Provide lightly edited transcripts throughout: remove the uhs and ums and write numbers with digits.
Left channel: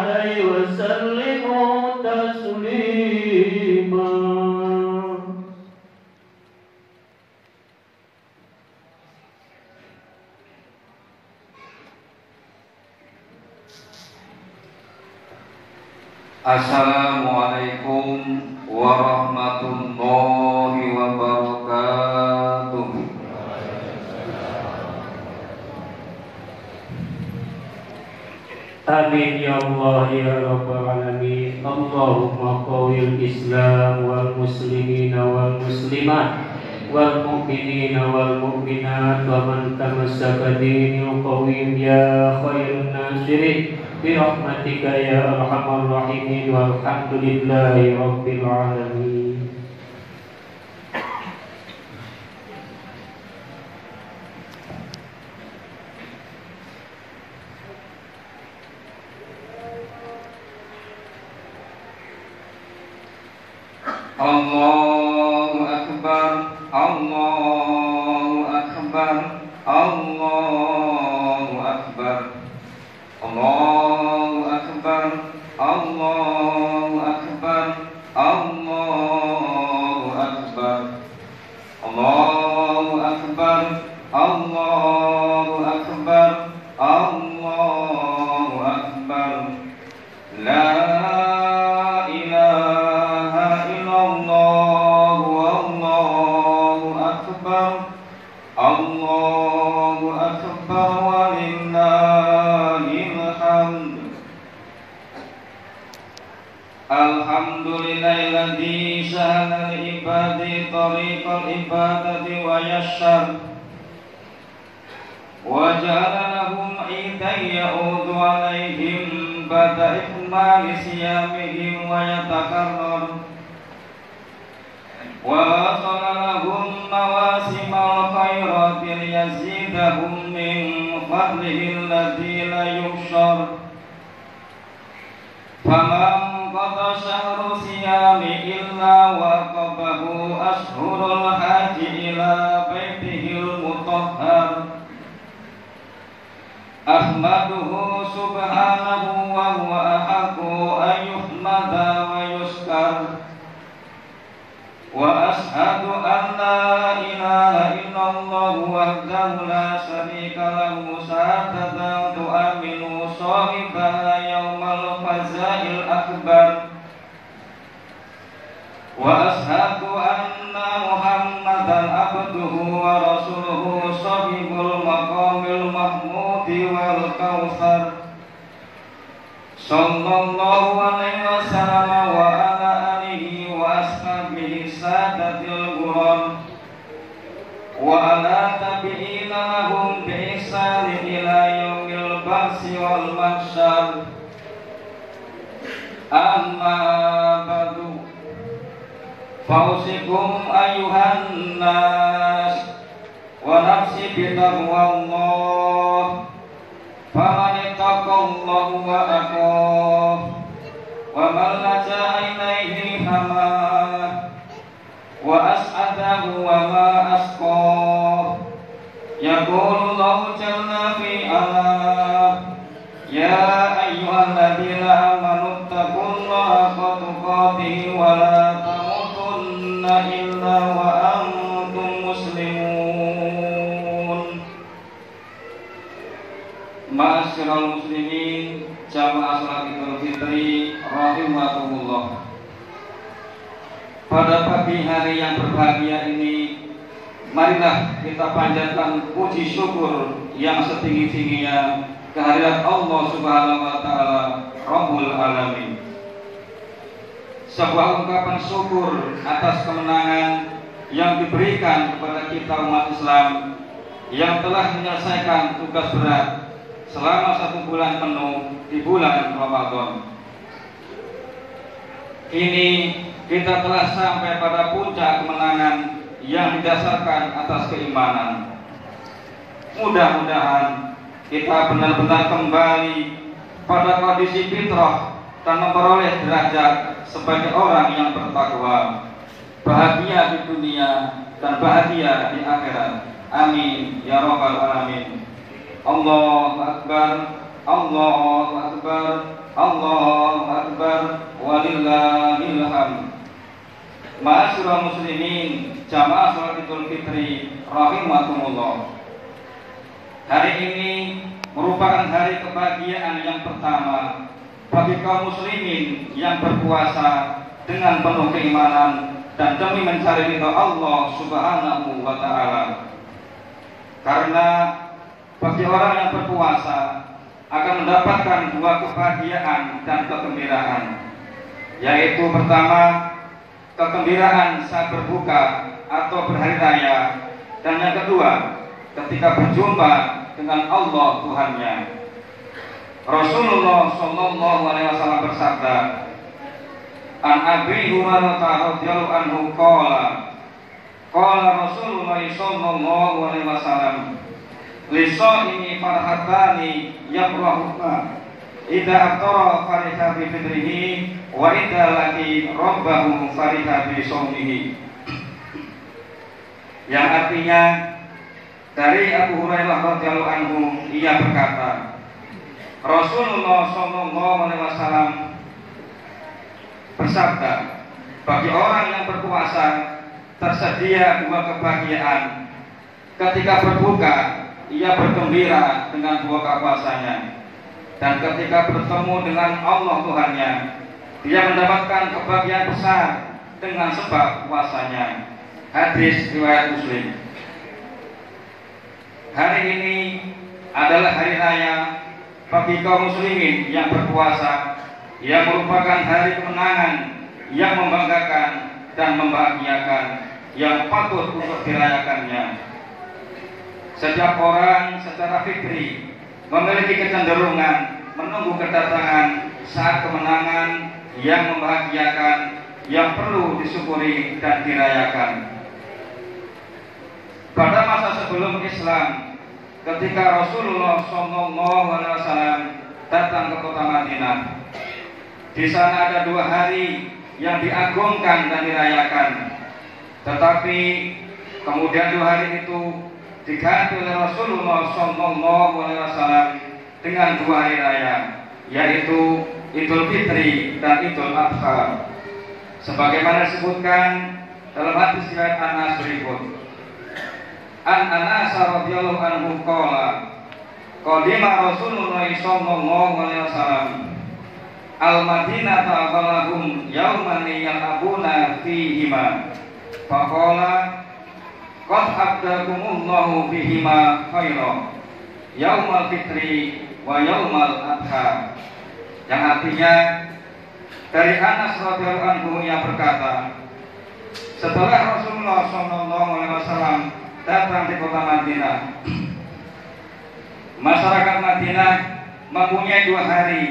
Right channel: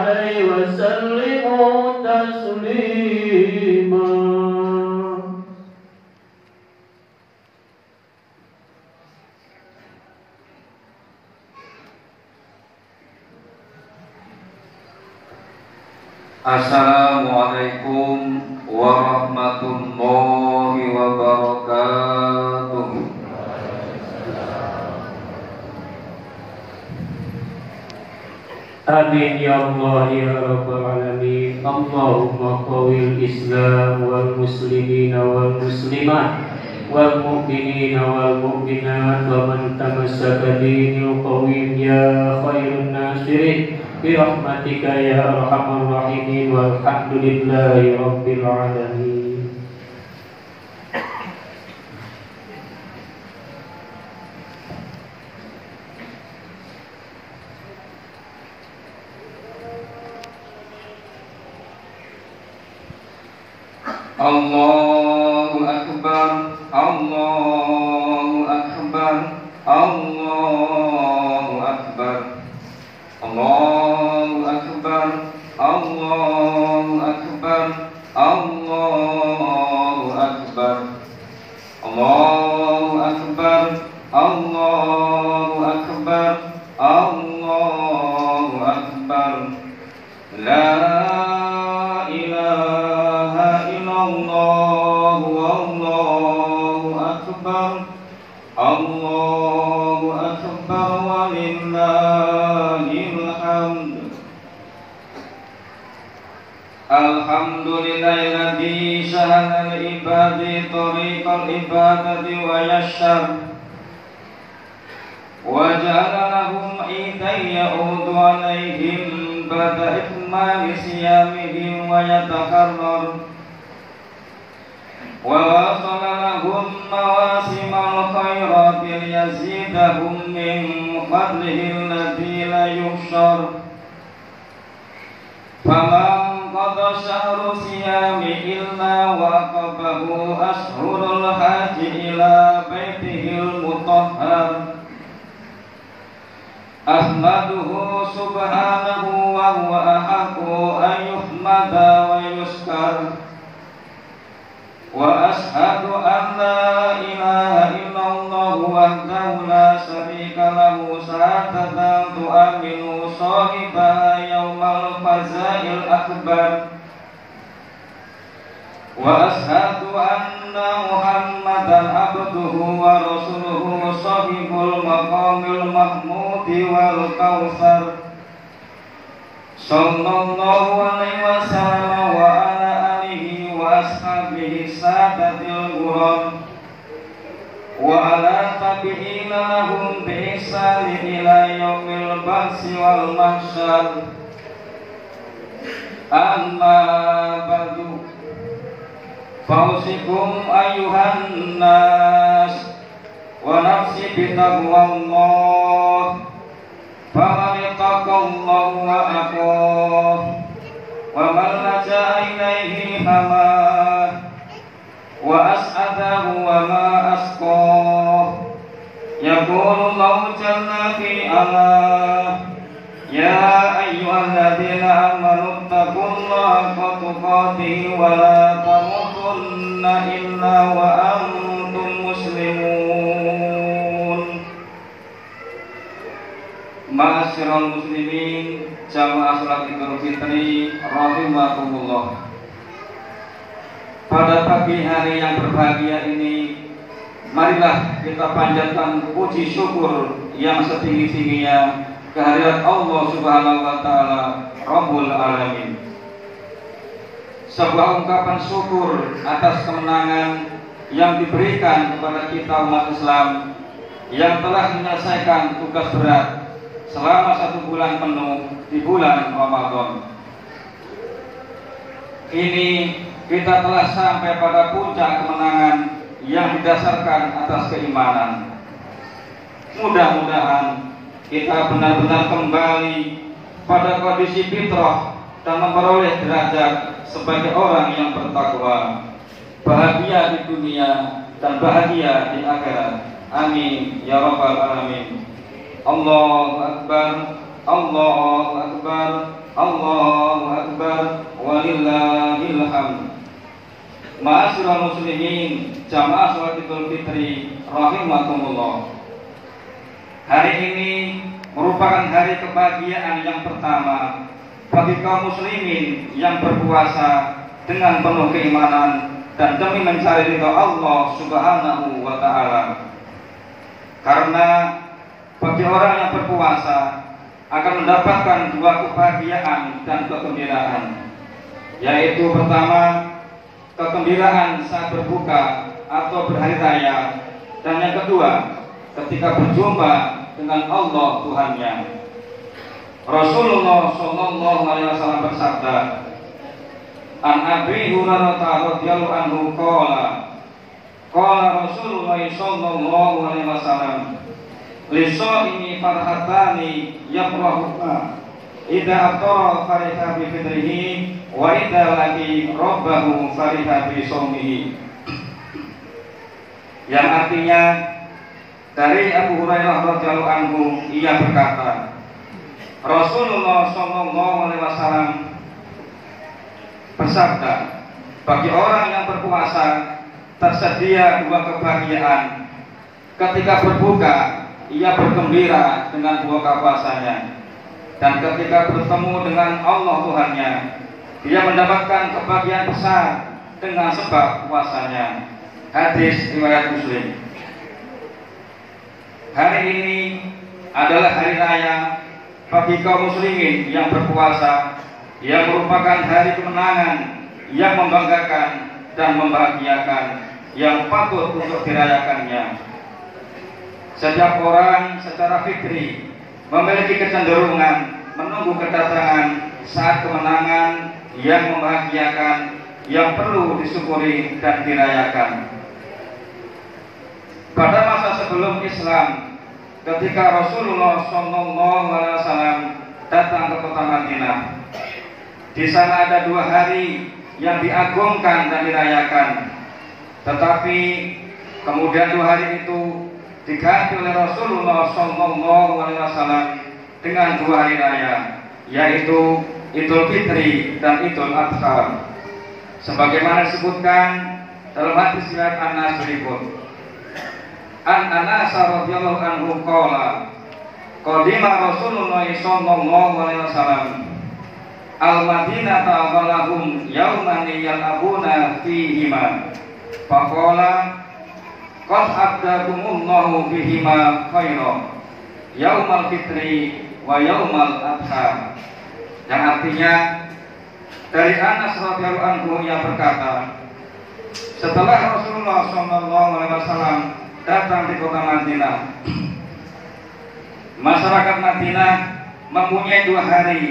عليه وسلموا تسليما. Assalamualaikum warahmatullahi wabarakatuh. Amin ya Allah ya Rabbal Alamin. Allahumma qawil Islam wal muslimin wal muslimat wal mu'minin wal mu'minat wa man tamassaka dinil qawim ya khairun nasirin bi rahmatika ya arhamar rahimin walhamdulillahi rabbil alamin. Allahu akbar, Allahu akbar, Allahu akbar, Allahu akbar, Allahu akbar, Allahu akbar, Allahu akbar, Allahu akbar, Allahu akbar. La Allah, Allahu akbar, Allahu akbar walillahil hamd. Alhamdulillahilladzi sahala li ibadi tariqal ibadati wa yassar wa ja'ala lahum 'idan ya'udu 'alaihim ba'da ikmali siyamihim wa yatakarrar wa wasala lahum mawasimal khairati liyazidahum min fadlihi alladzi la yuhsyar. Faman qada syahru siyami illa waqabahu ashhurul haji ila baitihil mutahhar. Ahmaduhu subhanahu wa huwa ahaqqu an yuhmada wa yuskar. Wa ashhadu an la ilaha illallah wahdahu la syarika lahu syahadatan tu'minu sahibaha yaumal fazail akbar. Wa ashhadu anna Muhammadan abduhu wa rasuluhu sahibul maqamil mahmudi wal kautsar. Sallallahu alaihi wasallam wa ala alihi wa ashabihi sadatil ghurur wa ala tabi'ina lahum bi ihsan ila yaumil ba'si wal mahsyar. Amma ba'du, fausikum ayuhan nas wa nafsi bitaqwallah. Faman ittaqallahu wa aqah wa man laja'a ilaihi hamah wa as'adahu wa ma asqah. Yaqulu Allahu jalla fi 'ala ya ayyuhalladzina amanu taqullaha haqqa tuqatih wa la tamutunna illa wa antum muslimun. Ma'asyiral muslimin, jamaah salat Idul Fitri rahimakumullah. Pada pagi hari yang berbahagia ini, marilah kita panjatkan puji syukur yang setinggi-tingginya kehadirat Allah Subhanahu wa taala Rabbul Alamin. Sebuah ungkapan syukur atas kemenangan yang diberikan kepada kita umat Islam yang telah menyelesaikan tugas berat selama 1 bulan penuh di bulan Ramadan. Kini kita telah sampai pada puncak kemenangan yang didasarkan atas keimanan. Mudah-mudahan kita benar-benar kembali pada kondisi fitrah dan memperoleh derajat sebagai orang yang bertakwa, bahagia di dunia dan bahagia di akhirat. Amin ya rabbal alamin. Allahu akbar, Allahu Akbar, Allahu Akbar, walillahil hamd. Ma'asyiral muslimin, jamaah salat Idul Fitri rahimakumullah. Hari ini merupakan hari kebahagiaan yang pertama bagi kaum muslimin yang berpuasa dengan penuh keimanan dan demi mencari ridha Allah Subhanahu wa taala. Karena bagi orang yang berpuasa akan mendapatkan dua kebahagiaan dan kegembiraan, yaitu pertama, kegembiraan saat berbuka atau berhari raya, dan yang kedua, ketika berjumpa dengan Allah Tuhannya. Rasulullah Shallallahu Alaihi Wasallam bersabda, An Abi Hurairah radhiyallahu anhu qala Rasulullah Shallallahu Alaihi Wasallam, Lisaimi farhatani yafrahuka idza aftara fariha bi fitrihi wa idza laqi rabbahu fariha bi shaumihi. Yang artinya, dari Abu Hurairah radhiyallahu anhu, ia berkata, Rasulullah sallallahu alaihi wasallam bersabda, bagi orang yang berpuasa tersedia dua kebahagiaan. Ketika berbuka, ia bergembira dengan buah puasanya, dan ketika bertemu dengan Allah Tuhannya, dia mendapatkan kebahagiaan besar dengan sebab puasanya. Hadis riwayat Muslim. Hari ini adalah hari raya bagi kaum muslimin yang berpuasa, yang merupakan hari kemenangan yang membanggakan dan membahagiakan, yang patut untuk dirayakannya. Setiap orang secara fitri memiliki kecenderungan menunggu kedatangan saat kemenangan yang membahagiakan, yang perlu disyukuri dan dirayakan. Pada masa sebelum Islam, ketika Rasulullah SAW datang ke kota Madinah, di sana ada dua hari yang diagungkan dan dirayakan. Tetapi kemudian dua hari itu diganti oleh Rasulullah SAW dengan dua hari raya, yaitu Idul Fitri dan Idul Adha. Sebagaimana disebutkan dalam hadis riwayat Anas berikut. An Anas radhiyallahu anhu qala qadima Rasulullah sallallahu alaihi wasallam al-Madinata walahum yauman yalabuna fihima faqala qad abdakumullahu bihima khairan yaumal fitri wa yaumal adha. Yang artinya, dari Anas radhiyallahu anhu yang berkata, setelah Rasulullah sallallahu alaihi wasallam datang di kota Madinah, masyarakat Madinah mempunyai dua hari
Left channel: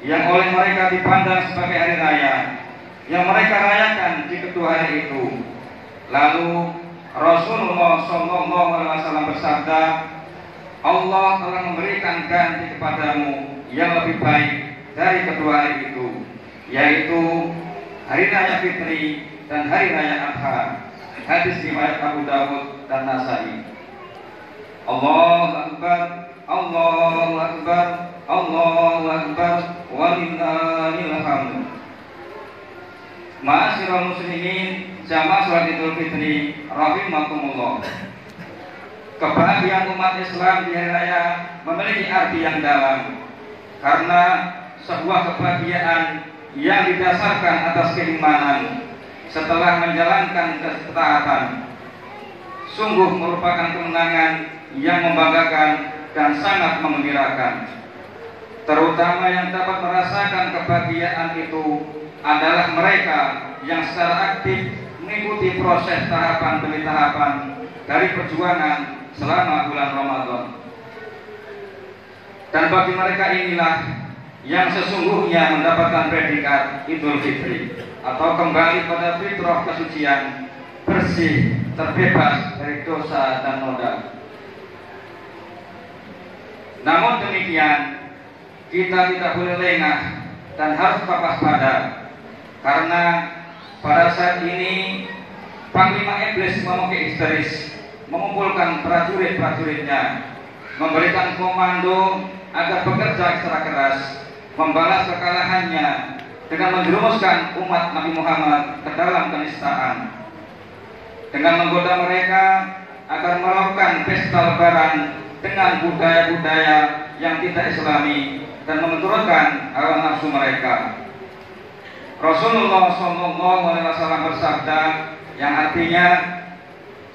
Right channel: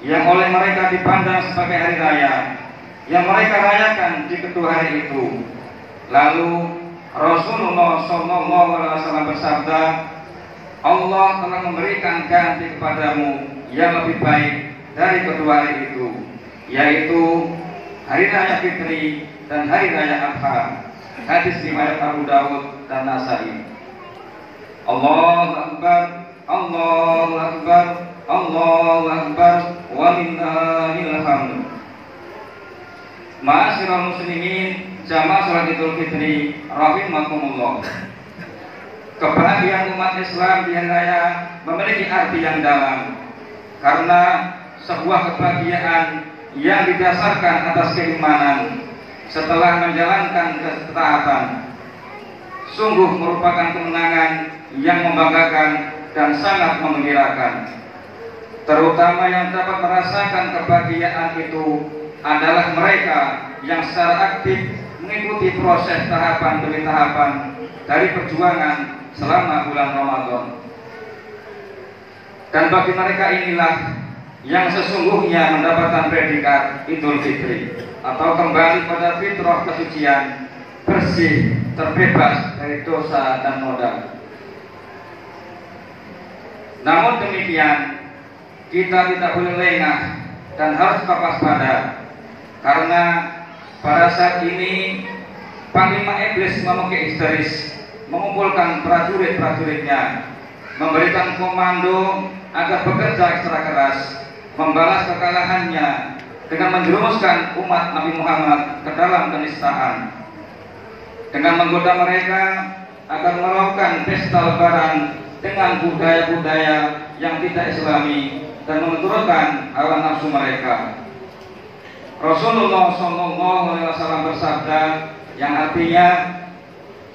yang oleh mereka dipandang sebagai hari raya, yang mereka rayakan di kedua hari itu. Lalu Rasulullah SAW bersabda, Allah telah memberikan ganti kepadamu yang lebih baik dari kedua hari itu, yaitu hari raya Fitri dan hari raya Adha. Hadis riwayat Abu Dawud dan Nasai. Allahu Akbar, Allahu Akbar, Allahu Akbar, walillahil hamd. Ma'asyiral muslimin, jamaah salat Idul Fitri rahimakumullah. Kebahagiaan umat Islam di hari raya memiliki arti yang dalam, karena sebuah kebahagiaan yang didasarkan atas keimanan setelah menjalankan ketaatan, sungguh merupakan kemenangan yang membanggakan dan sangat menggembirakan. Terutama yang dapat merasakan kebahagiaan itu adalah mereka yang secara aktif mengikuti proses tahapan demi tahapan dari perjuangan selama bulan Ramadan. Dan bagi mereka inilah yang sesungguhnya mendapatkan predikat Idul Fitri, atau kembali pada fitrah kesucian, bersih, terbebas dari dosa dan noda. Namun demikian, kita tidak boleh lengah dan harus tetap waspada, karena pada saat ini Panglima Iblis memakai histeris mengumpulkan prajurit-prajuritnya, memberikan komando agar bekerja secara keras membalas kekalahannya dengan menjerumuskan umat Nabi Muhammad ke dalam kenistaan, dengan menggoda mereka agar melakukan pesta lebaran dengan budaya-budaya yang tidak islami dan menurunkan hawa nafsu mereka. Rasulullah SAW bersabda yang artinya,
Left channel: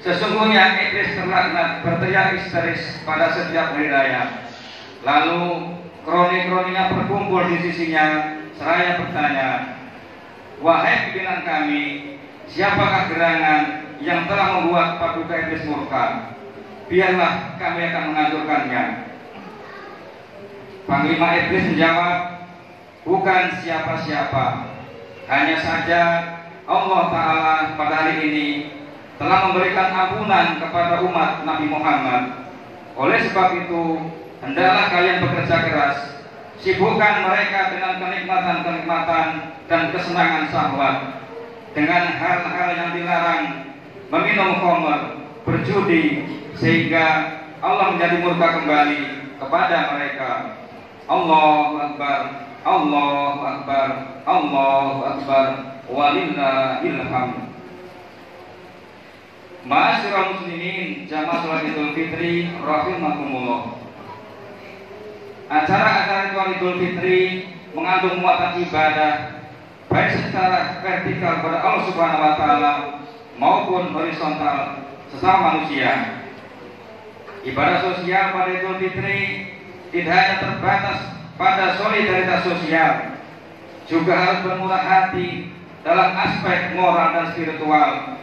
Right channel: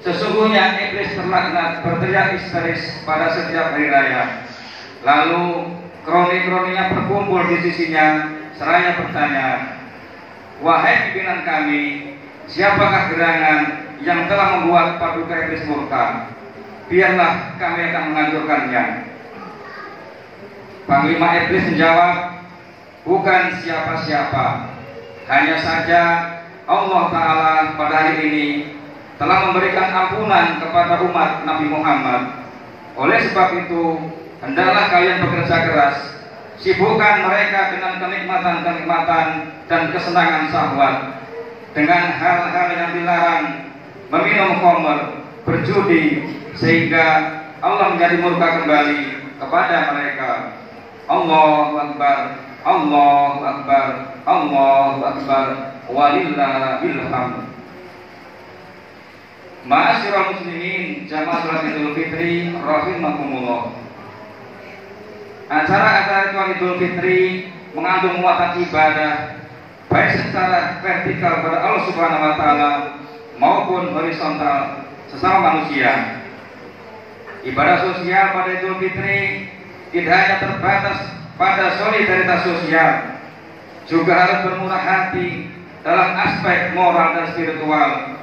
sesungguhnya iblis terlaknat berteriak histeris pada setiap hari raya. Lalu kroni-kroninya berkumpul di sisinya seraya bertanya, wahai pimpinan kami, siapakah gerangan yang telah membuat paduka iblis murka? Biarlah kami akan menghancurkannya. Panglima iblis menjawab, bukan siapa-siapa, hanya saja Allah Ta'ala pada hari ini telah memberikan ampunan kepada umat Nabi Muhammad. Oleh sebab itu, hendaklah kalian bekerja keras, sibukkan mereka dengan kenikmatan-kenikmatan dan kesenangan syahwat, dengan hal-hal yang dilarang, meminum khamr, berjudi, sehingga Allah menjadi murka kembali kepada mereka. Allahu Akbar, Allahu Akbar, Allahu Akbar, walillahil hamd. Ma'asyiral muslimin, jamaah salat Idul Fitri rahimakumullah. Acara-acara Idul Fitri mengandung muatan ibadah baik secara vertikal kepada Allah Subhanahu wa taala maupun horizontal sesama manusia. Ibadah sosial pada Idul Fitri tidak hanya terbatas pada solidaritas sosial, juga harus bermurah hati dalam aspek moral dan spiritual,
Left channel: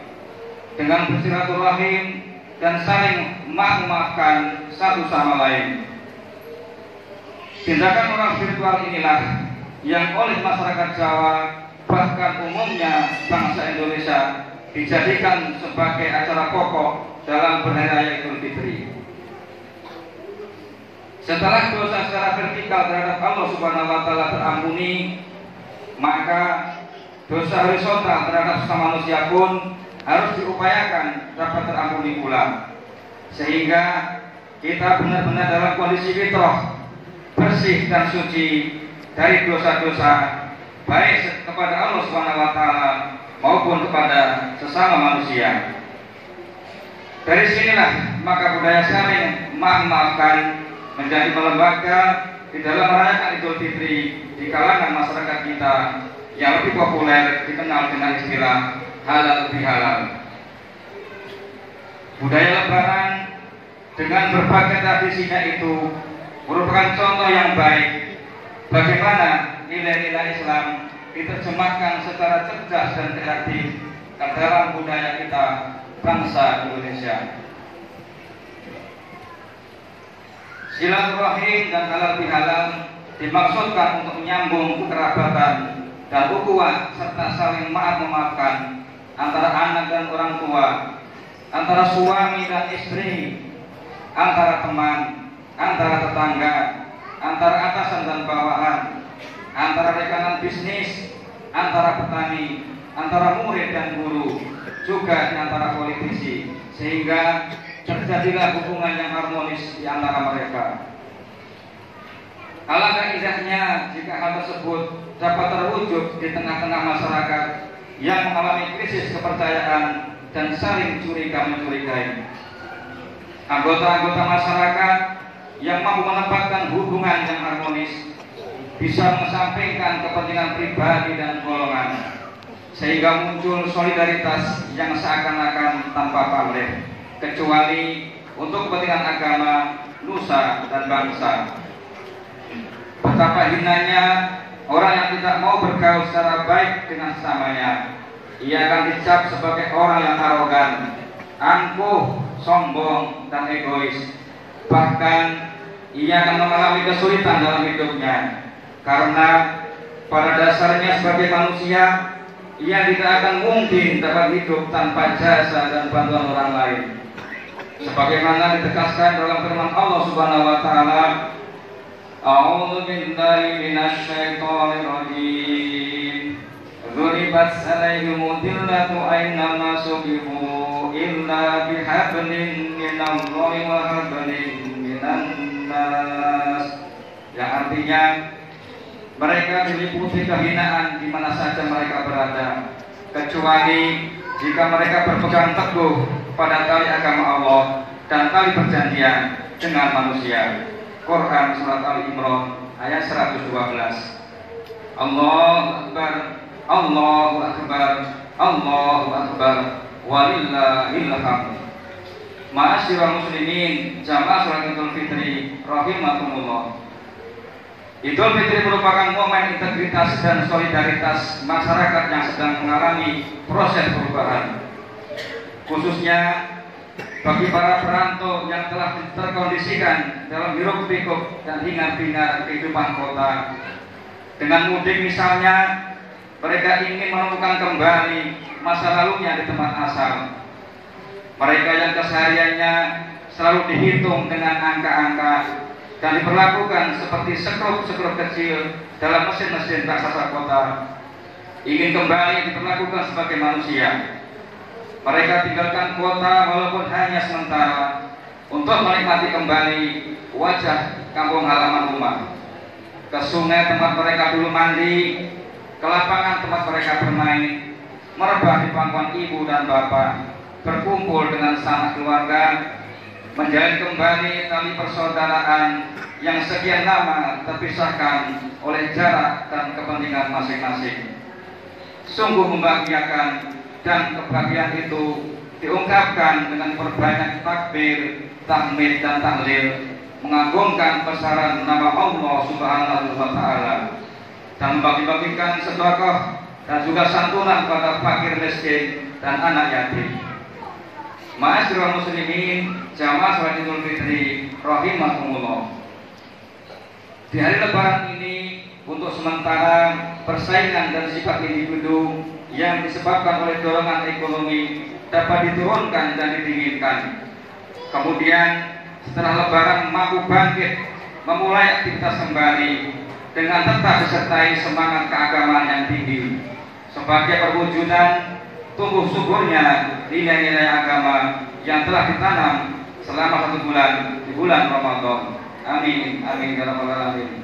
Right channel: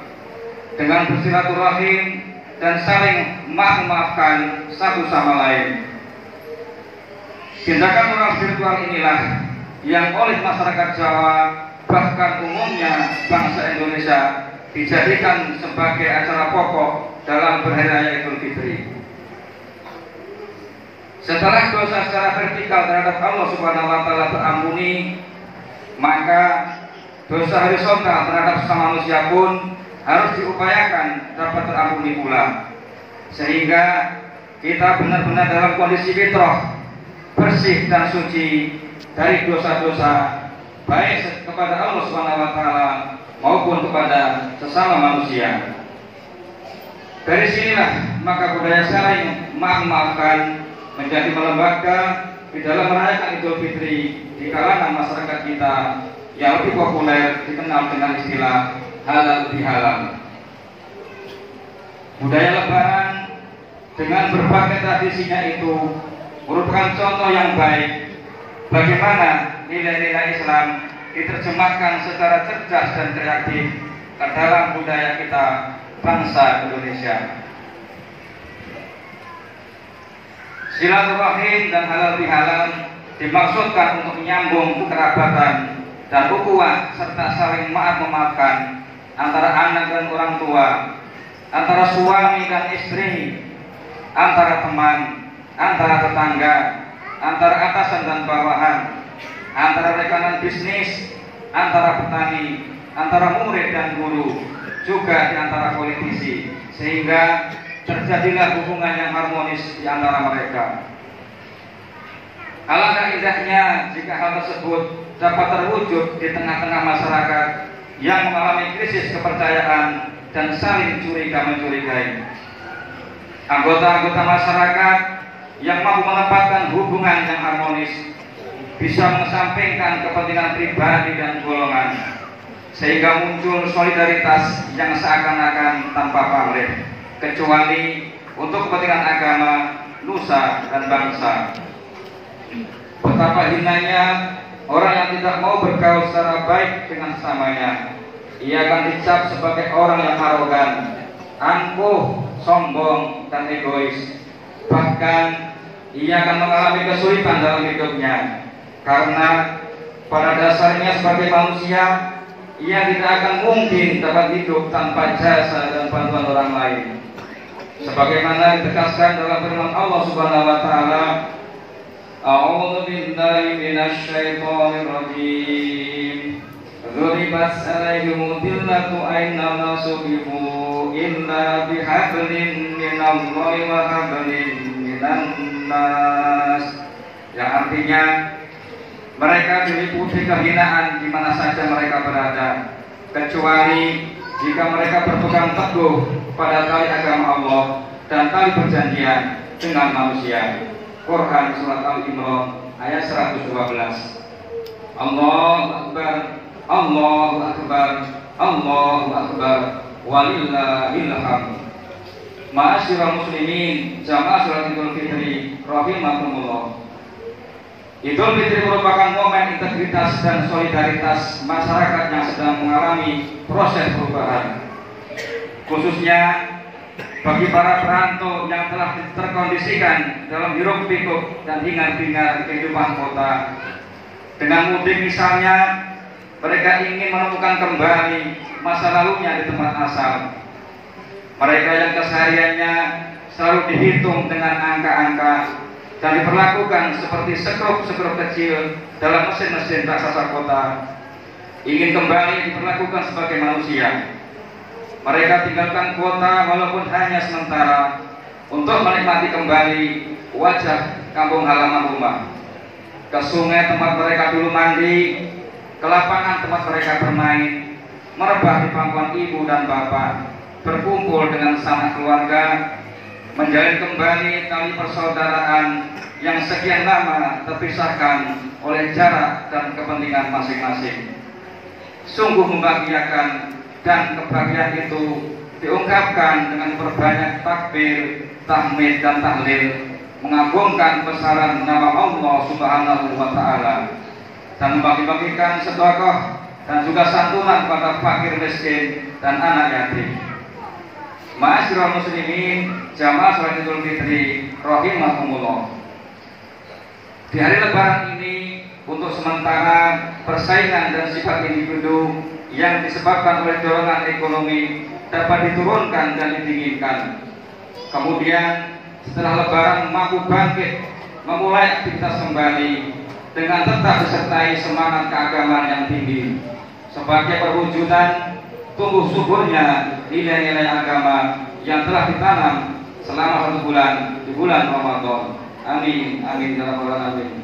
dengan bersilaturahim dan saling memaafkan satu sama lain. Tindakan moral spiritual inilah yang oleh masyarakat Jawa, bahkan umumnya bangsa Indonesia, dijadikan sebagai acara pokok dalam berhari raya Idul Fitri. Setelah dosa secara vertikal terhadap Allah Subhanahu wa taala terampuni, maka dosa horizontal terhadap sesama manusia pun harus diupayakan dapat terampuni pula, sehingga kita benar-benar dalam kondisi fitrah, bersih dan suci dari dosa-dosa baik kepada Allah Subhanahu wa taala maupun kepada sesama manusia. Dari sinilah maka budaya saling memaafkan menjadi melembaga di dalam merayakan Idul Fitri di kalangan masyarakat kita yang lebih populer dikenal dengan istilah halal bihalal. Budaya lebaran dengan berbagai tradisinya itu merupakan contoh yang baik bagaimana nilai-nilai Islam diterjemahkan secara cerdas dan kreatif ke dalam budaya kita bangsa Indonesia. Silaturahim dan halal bihalal dimaksudkan untuk menyambung kekerabatan dan ukhuwah serta saling maaf-memaafkan antara anak dan orang tua, antara suami dan istri, antara teman, antara tetangga, antara atasan dan bawahan, antara rekanan bisnis, antara petani, antara murid dan guru, juga di antara politisi, sehingga terjadilah hubungan yang harmonis di antara mereka. Alangkah indahnya jika hal tersebut dapat terwujud di tengah-tengah masyarakat yang mengalami krisis kepercayaan dan saling curiga-mencurigai. Anggota-anggota masyarakat yang mampu menempatkan hubungan yang harmonis bisa mengesampingkan kepentingan pribadi dan golongan, sehingga muncul solidaritas yang seakan-akan tanpa pamrih, kecuali untuk kepentingan agama, nusa, dan bangsa. Betapa hinanya orang yang tidak mau bergaul secara baik dengan sesamanya. Ia akan dicap sebagai orang yang arogan, angkuh, sombong, dan egois. Bahkan ia akan mengalami kesulitan dalam hidupnya, karena pada dasarnya sebagai manusia, ia tidak akan mungkin dapat hidup tanpa jasa dan bantuan orang lain. Sebagaimana ditegaskan dalam firman Allah Subhanahu wa taala, A'udzu billahi minasy syaithanir rajim. Ghuribat alaihimul dhillatu aynama suqifu illa bihablin minallahi wa hablin minan nas yang artinya mereka diliputi kehinaan di mana saja mereka berada, kecuali jika mereka berpegang teguh pada tali agama Allah dan tali perjanjian dengan manusia. Quran surat Al-Imran ayat 112. Allahu Akbar, Allahu Akbar, Allahu Akbar, walillahil hamd. Ma'asyiral muslimin, jamaah salat Idul Fitri rahimakumullah. Idul Fitri merupakan momen integritas dan solidaritas masyarakat yang sedang mengalami proses perubahan, khususnya bagi para perantau yang telah terkondisikan dalam hiruk pikuk dan hingar-bingar kehidupan kota. Dengan mudik misalnya, mereka ingin menemukan kembali masa lalunya di tempat asal. Mereka yang kesehariannya selalu dihitung dengan angka-angka dan diperlakukan seperti sekrup-sekrup kecil dalam mesin-mesin raksasa kota, ingin kembali diperlakukan sebagai manusia. Mereka tinggalkan kota walaupun hanya sementara untuk menikmati kembali wajah kampung halaman rumah, ke sungai tempat mereka dulu mandi, ke lapangan tempat mereka bermain, merebah di pangkuan ibu dan bapak, berkumpul dengan sanak keluarga, menjalin kembali tali persaudaraan yang sekian lama terpisahkan oleh jarak dan kepentingan masing-masing. Sungguh membahagiakan, dan kebahagiaan itu diungkapkan dengan berbanyak takbir, tahmid dan tahlil, mengagungkan besaran nama Allah Subhanahu wa Ta'ala, dan membagi-bagikan sedekah dan juga santunan kepada fakir miskin dan anak yatim. Ma'asyiral muslimin, jamaah salat Idul Fitri rahimakumullah. Di hari Lebaran ini, untuk sementara persaingan dan sifat individu yang disebabkan oleh dorongan ekonomi dapat diturunkan dan didinginkan. Kemudian setelah Lebaran mampu bangkit, memulai aktivitas kembali dengan tetap disertai semangat keagamaan yang tinggi sebagai perwujudan tumbuh suburnya nilai-nilai agama yang telah ditanam selama 1 bulan di bulan Ramadan. Amin, amin ya rabbal alamin.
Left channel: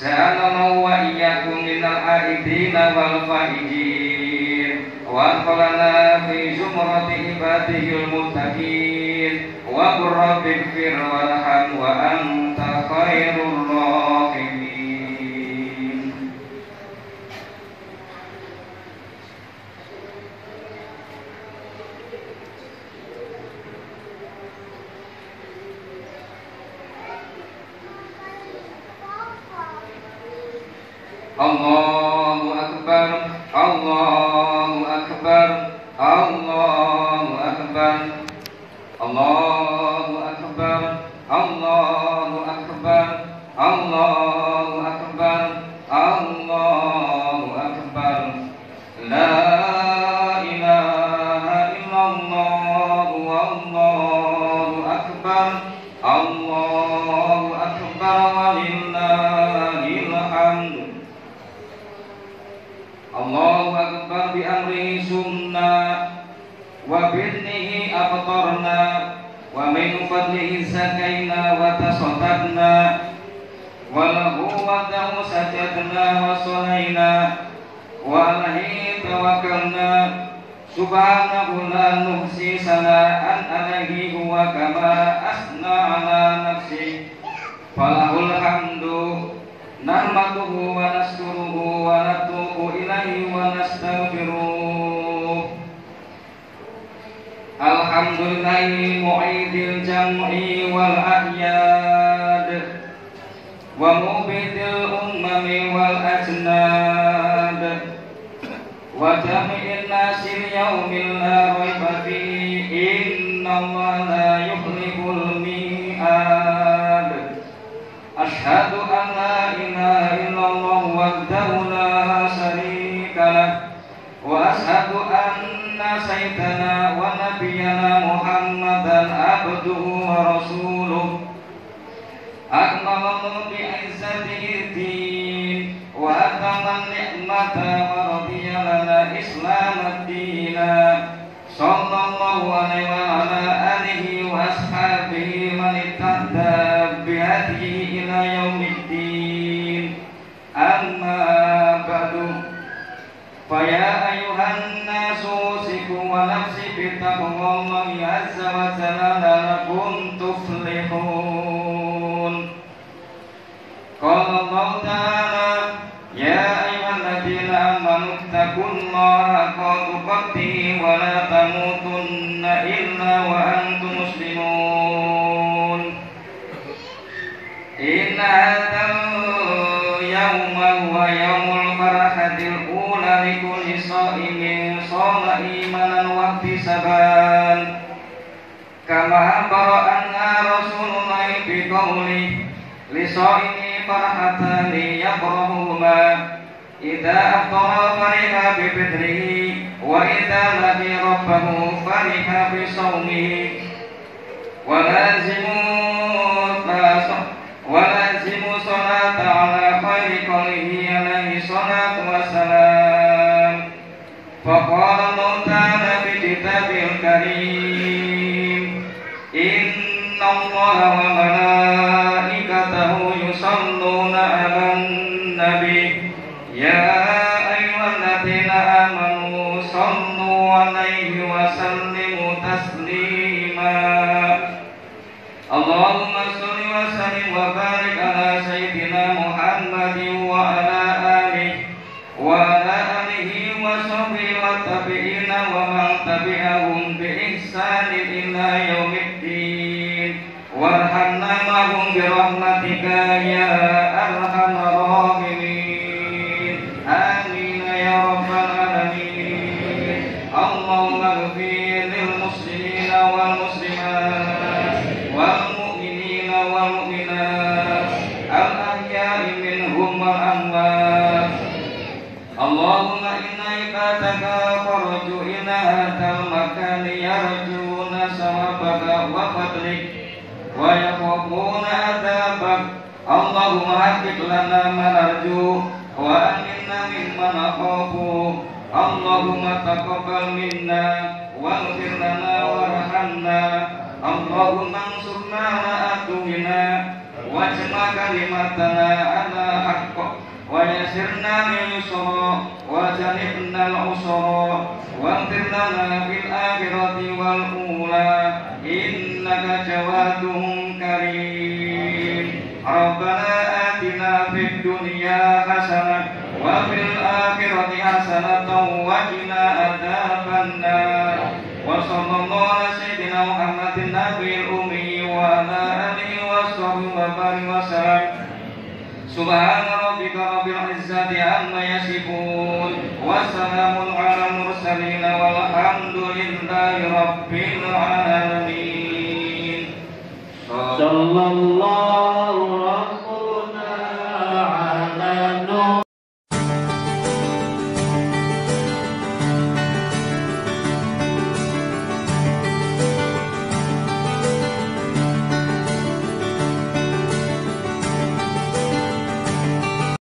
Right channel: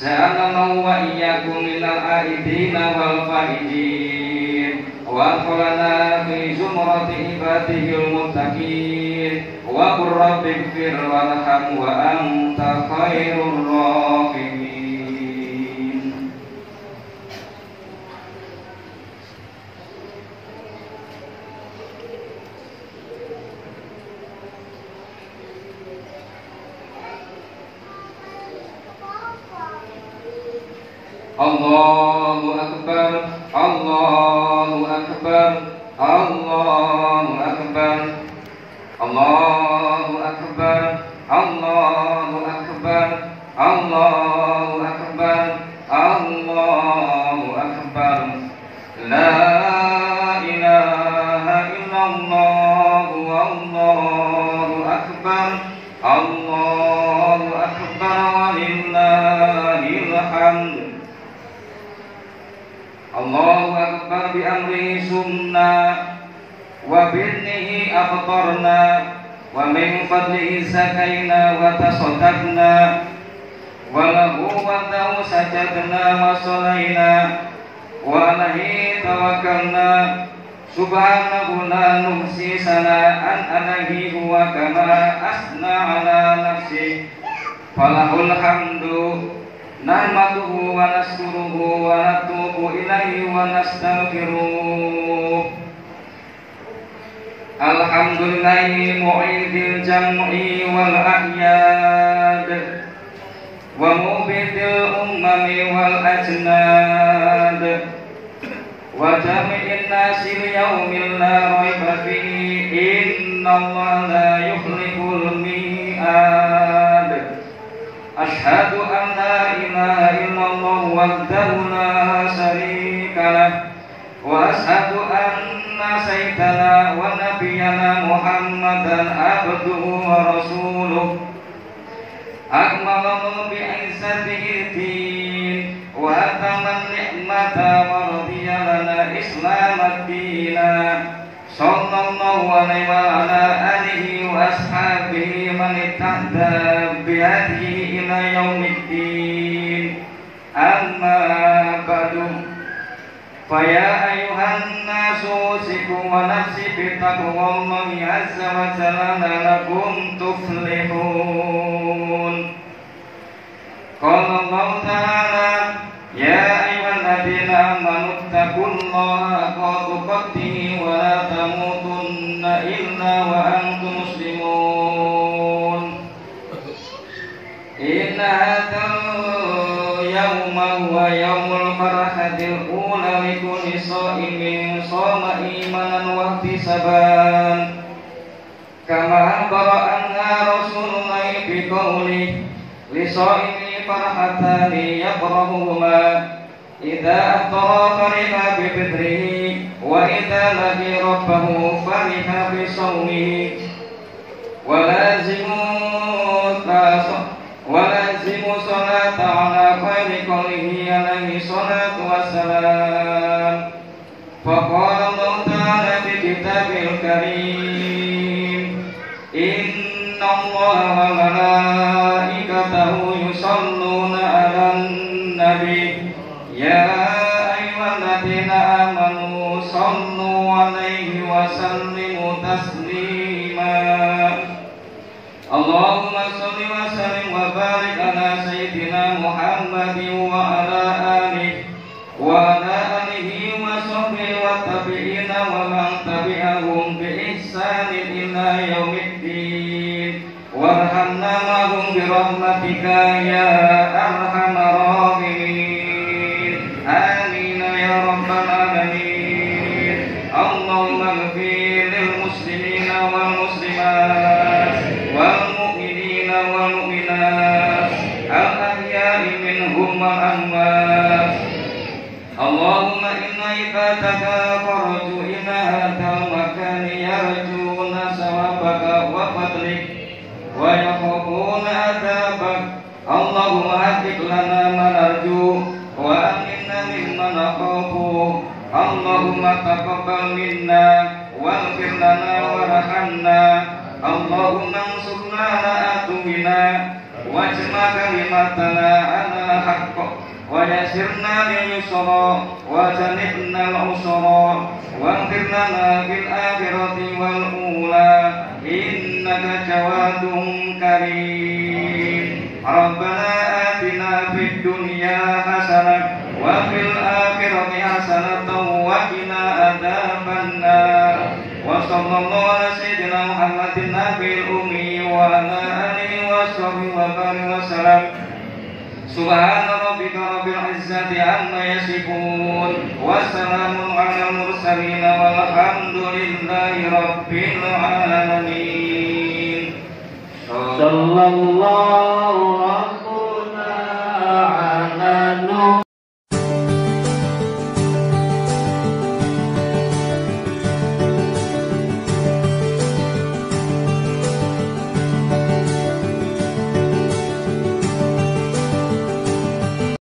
Ja'alna wa iyyakum minal aidina wal faizin wa adkhalna fi zumrati ibadihil muttaqin wa qur rabbighfir warham wa anta khairur rahimin. Allahu Akbar, Allahu Akbar, Allahu Akbar, Allahu Akbar, Allahu Akbar, Allahu Akbar, Allahu Akbar. La ilaha illallah, Allahu Akbar, Allahu Akbar, walillahil hamd. Allahu Akbar bi amrihi sumna wa birnihi aftarna wa min fadlihi sakaina wa tasaddaqna wa lahu wa'dahu sajadna wa salaina wa alaihi tawakkalna subhanahu la nuhsi sana'an alaihi huwa kama asna ala nafsi falahul hamdu nahmaduhu wa naskuruhu wa natubu ilaihi wa nastaghfiruh. Alhamdulillahi mu'idil jam'i wal ahyad wa mubidil ummami wal ajnad wa jami'in nasi yaumil la raiba fihi innallaha la yukhliful mi'ad. Ashhadu an la ilaha illallah wahdahu la syarika lah wa ashhadu anna sayyidana wa nabiyyana Muhammadan abduhu wa rasuluh akmalahu bi'izzatihi din wa atama ni'mata wa radiya lana islamad-dina sallallahu alaihi wa ala alihi wa ashabihi man ittahda bihadihi ila yaumiddin. فيا أيها الناس أوصيكم ونفسي بتقوى الله عز وجل لعلكم تفلحون. قال الله تعالى: يا أيها الذين آمنوا اتقوا الله حق تقاته ولا تموتن إلا وأنتم مسلمون. إن هذا اليوم هو يوم الفرحة الأولى لكل صائم صام إيمانا واحتسابا، كما أخبر أنها رسول الله بقوله: لصائم فرحتان يفرحهما، إذا أفطر فرح بفطره، وإذا لقي ربه فرح بصومه. ولازموا صلاة على خير قوله عليه الصلاة والسلام. فقال الله تعالى في كتابه الكريم: إن الله وملائكته يصلون على النبي يا أيها الذين آمنوا صلوا عليه وسلموا تسليما. اللهم صل وسلم وبارك على سيدنا محمد وعلى آله وصحبه والتابعين ومن تبعهم بإحسان إلى يوم الدين، وارحمنا معهم برحمتك يا أرحم الراحمين. آمين يا رب العالمين. اللهم اغفر للمسلمين والمسلمات والمؤمنين والمؤمنات الأحياء منهم والأموات. اللهم إن عبادك خرجوا إلى هذا المكان يرجون ثوابك وفضلك ويخافون عذابك. اللهم حقق لنا ما نرجو وأمنا مما نخاف. اللهم تقبل منا واغفر لنا وارحمنا. اللهم انصرنا على عدونا واجمع كلمتنا على الحق ويسرنا لليسرى وجنبنا العسرى واغفر لنا في الآخرة والأولى إنك جواد كريم. ربنا آتنا في الدنيا حسنة وفي الآخرة حسنة وقنا عذاب النار. وصلى الله على سيدنا محمد النبي الأمي وعلى آله وصحبه وبارك وسلم. سبحان ربك رب العزة عما يصفون وسلام على المرسلين والحمد لله رب العالمين.